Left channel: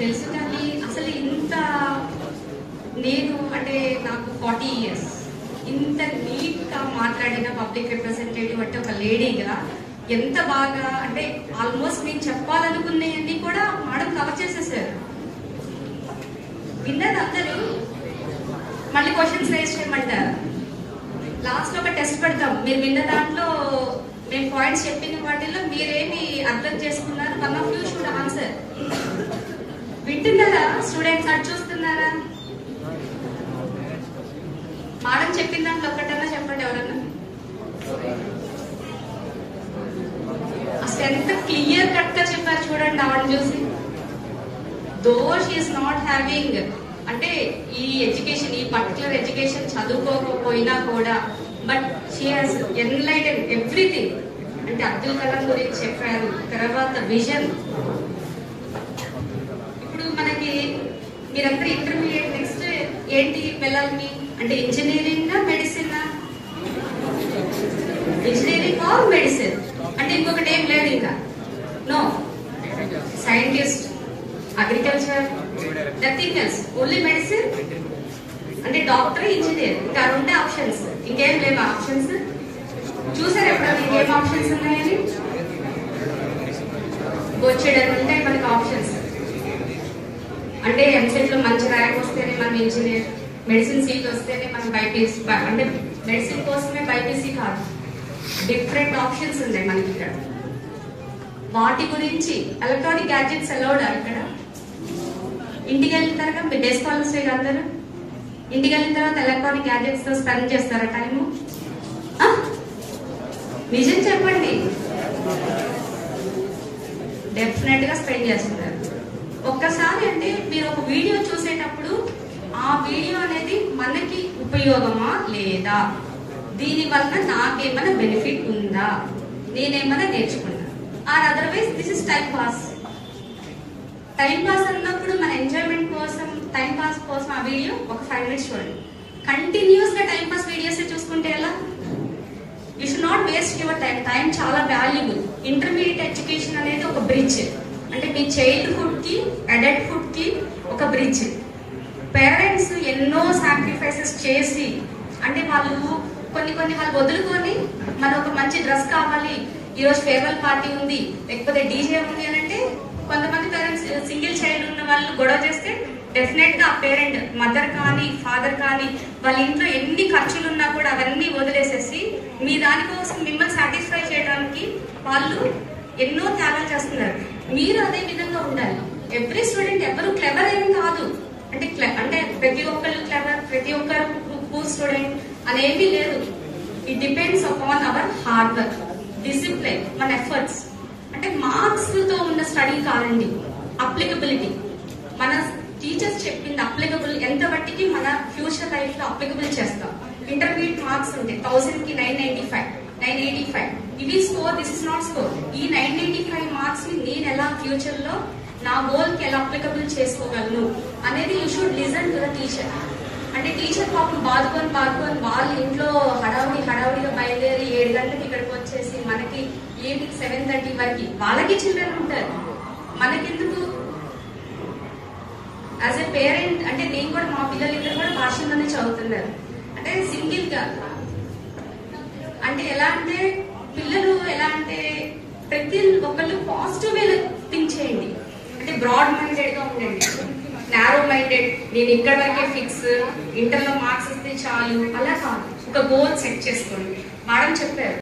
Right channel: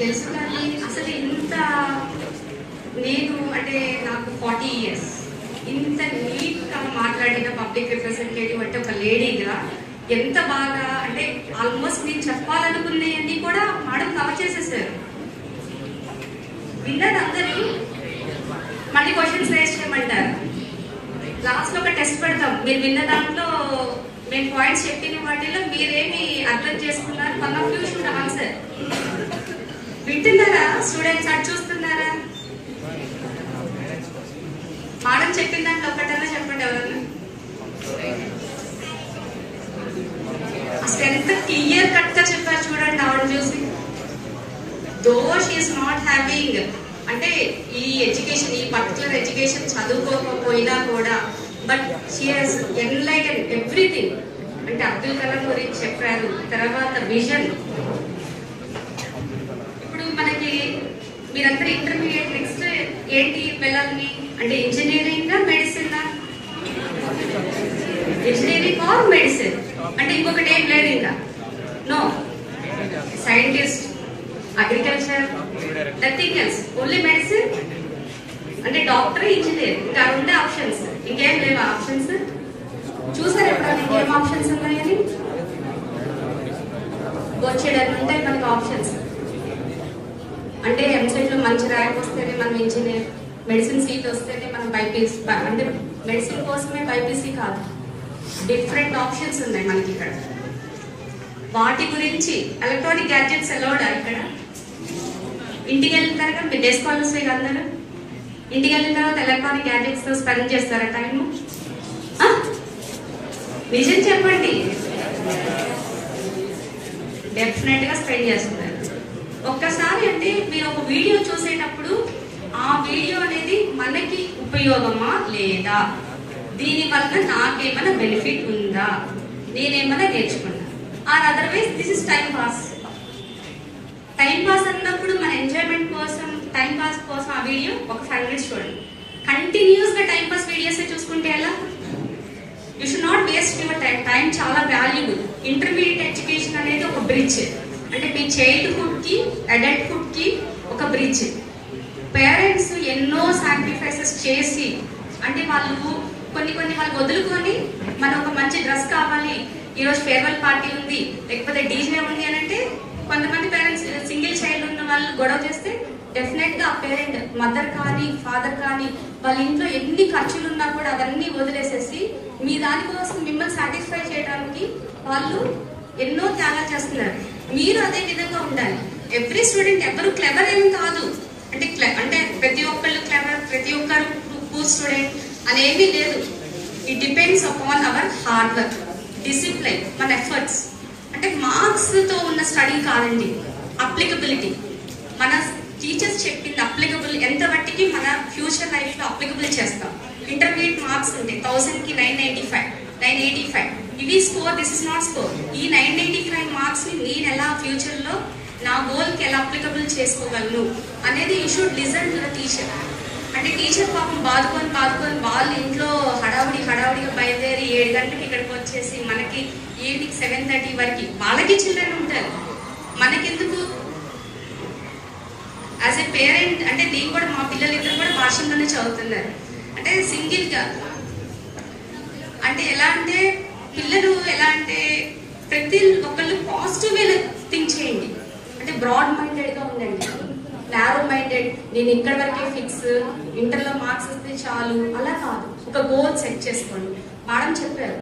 తెలుసు కానీ అసలు ఇంత నేను అంటే నాకు 40 years ఇంత నీట్ గా మాట్లాడిన పబ్లిక్ రిప్రజెంటేటివ్ అంటే ఒక లేడీగా ఎంత బాగా అంటే ఆల్మోస్ట్ నేను చెప్పాలనుకునేవన్నీ కూడా మేడం కవర్ చేసేసారు. విన్నది అందరూ మళ్ళీ క్వశ్చన్స్ రేస్ చేయమంటారు. లాస్ట్ లో ఒక టెస్ట్ పెడతాం. మీరు విన్న దాంట్లో మేము పాయింట్స్ చెప్పిన వాటిలో మీరేమి అర్థం చేసుకున్నారు? One of you should answer. వింటున్నారా స్టూడెంట్స్? అది చూస్తున్నారా? మేడం చెప్పిన దాంట్లో ఒకటన్నా చెప్పండి ఎవరన్నా. అసలు ఎంత క్లియర్ కట్ గా చెప్పారు చూడండి ఆవిడ చూసి. దో షీఈస్ నాట్ హ్యావింగ్ అంటే ఈ ఎడ్యుకేషన్, ఈ పర్టికులర్ ఎడ్యుకేషన్ చదువుకోకపోయినా కూడా but she has enlighten everything. అంటే అబ్దుల్ కలాం గురించి చెప్పారు, తర్వాత విజన్. ఇప్పుడు మనకి మీరందరూ ఇంటర్మీడియట్ నెక్స్ట్ ఏంటి వెళ్ళాలని అంటే engineering medicine, engineering or medicine అంటే ఇంకొకటి ఏం లేదు ఇంకా. No, scientist, agriculture, nothing else, only medicine అంటే డాక్టర్, ఇంజనీర్. ఇంకా ఉండే ఆప్షన్స్ ఇంకేం లేవు. ఆప్షన్స్ చూసారు ఎప్పుడు ఇంకేం ఆప్షన్స్ ఉన్నాయని? వచ్చేటప్పుడు ఉంటాయి మనకి ఆప్షన్స్. అంటే ఎంసెట్ లో మంచి ర్యాంక్ వస్తేనే మనం ఇంజనీర్, మెడిసిన్ సీట్ వస్తేనే మనం బైపీసీ. అంటే మెడిసిన్ కోసమే బైపీసీ కాదు, డిఫరెంట్ ఆప్షన్స్ ఉన్నాయి మనకి ఇక్కడ. వాటి గురించి ఎలక్ట్రానిక్ గ్యాడ్జెట్స్ అలౌడా ఇక్కడ? ఇంటికి వెళ్ళిన తర్వాత మీ డే స్కాలర్స్ అందరూ ఇంటికి వెళ్ళిన తర్వాత ఎలక్ట్రానిక్ గ్యాడ్జెట్స్ తో స్పెండ్ చేస్తారా టైము? నిజం చెప్పండి. డెఫినెట్ గా స్పెండ్ చేస్తున్నారు. ఒక్కసారి అంటే మీరు ఒక వీడియో చూసేటప్పుడు ఆ వీడియో అనేది మనకి ఉపయోగమా లేదా, దీని వల్ల నాకేమైనా బెనిఫిట్ ఉందా, నేనేమైనా నేర్చుకున్నా, or otherwise this is time pass. Time pass అన్నప్పుడు మన ఎంజాయ్మెంట్ కోసం, టైం పాస్ కోసం ఆ వీడియో ఒక 5 minutes చూడండి. కంటిన్యూస్ గా టైం పాస్ వీడియోస్ చూసుకుంటే ఎలా? You should not waste your time. Time చాలా వాల్యుబుల్. ఇంటర్మీడియట్ ఎడ్యుకేషన్ అనేది ఒక బ్రిడ్జ్. అంటే మీ చైల్డ్హుడ్ కి అడల్ట్హుడ్ కి ఒక బ్రిడ్జ్. పేరెంట్స్ ఎన్నో సాక్రిఫైసెస్ చేసి అంటే వాళ్ళు కొన్ని వాళ్ళు వదులుకొని మన ఒక మంచి డ్రెస్ కావాలి, ఈరోజు ఫేర్వెల్ పార్టీ ఉంది, లేకపోతే డీజే ఉంది అని అంటే కొంతమంది పేరెంట్స్ సింగిల్ చైల్డ్ ఉన్న వాళ్ళు గొడవ చేస్తే డెఫినెట్ గా ఆ పేరెంట్, మదర్ కానీ ఫాదర్ కానీ వాళ్ళ ఇంట్లో ఎన్ని ఖర్చులు ఉన్నా కూడా అవన్నీ వదిలేసేసి మీ దానికోసం మిమ్మల్ని సాటిస్ఫై చేయడానికి వాళ్ళు ఎన్నో త్యాగాలు చేస్తున్నారు. మీరు అదే విధంగా ఉండాలి. ఎవ్రీ స్టూడెంట్ ఎవరు క్లెవర్ ఏం కాదు. అంటే ప్రతి ఒక్కళ్ళు క్లెవర్, ప్రతి ఒక్కరు పూర్ స్టూడెంట్ అనేవి లేదు. It depends upon our hard work, discipline, మన ఎఫర్ట్స్. అంటే మార్క్స్ తో ఉన్న స్టడీ కాదండి, అప్లికబిలిటీ. మన టీచర్స్ చెప్పింది అప్లికబుల్ ఎంత బట్టికి మన ఫ్యూచర్ లైఫ్ లో అప్లికబుల్ చేస్తాం. ఇంటర్మీడియట్ మార్క్స్ ఉంటాయి 1000 కి 995, 985 ఇవి score. This is not score. ఈ 995 మార్క్స్ ని నేను ఎలా ఫ్యూచర్ లో నా గోల్ కి ఎలా అప్లికబుల్ చేసుకోగలను అనేది you should listen to the teacher. అంటే టీచర్ పాపం బాదుకొని వాళ్ళ ఇంట్లో హడావుడిగా బయలుదేరి 7 గంటలకు ఇక్కడికి వచ్చేసి మనకి ఈవినింగ్ 7:30 వరకు వాళ్ళకి చిల్డ్రన్ ఉంటారు. మనకెందుకు? యాజ్ ఎ పేరెంట్ అంటే నేను కూడా, మా పిల్లలిద్దరు కూడా వాషింగ్లోనే చదువుతున్నారు. అంటే సింగిల్ గా అంటే ఎలా అంటే పిల్లలు ఎలా అంటే ప్రతి ఒక్కళ్ళు పాజిటివ్ వేలో థింక్ చేయండి. అంటే బ్రాడ్ మైండెడ్ గా ఉండండి. నారో మైండెడ్, నేను ఇక్కడ వరకే ఫిక్స్, ఇంటర్లో మార్క్స్ వస్తే చాలు అలా కాదు. ఒక గోల్ సెట్ చేసుకోండి. మేడం చెప్పారు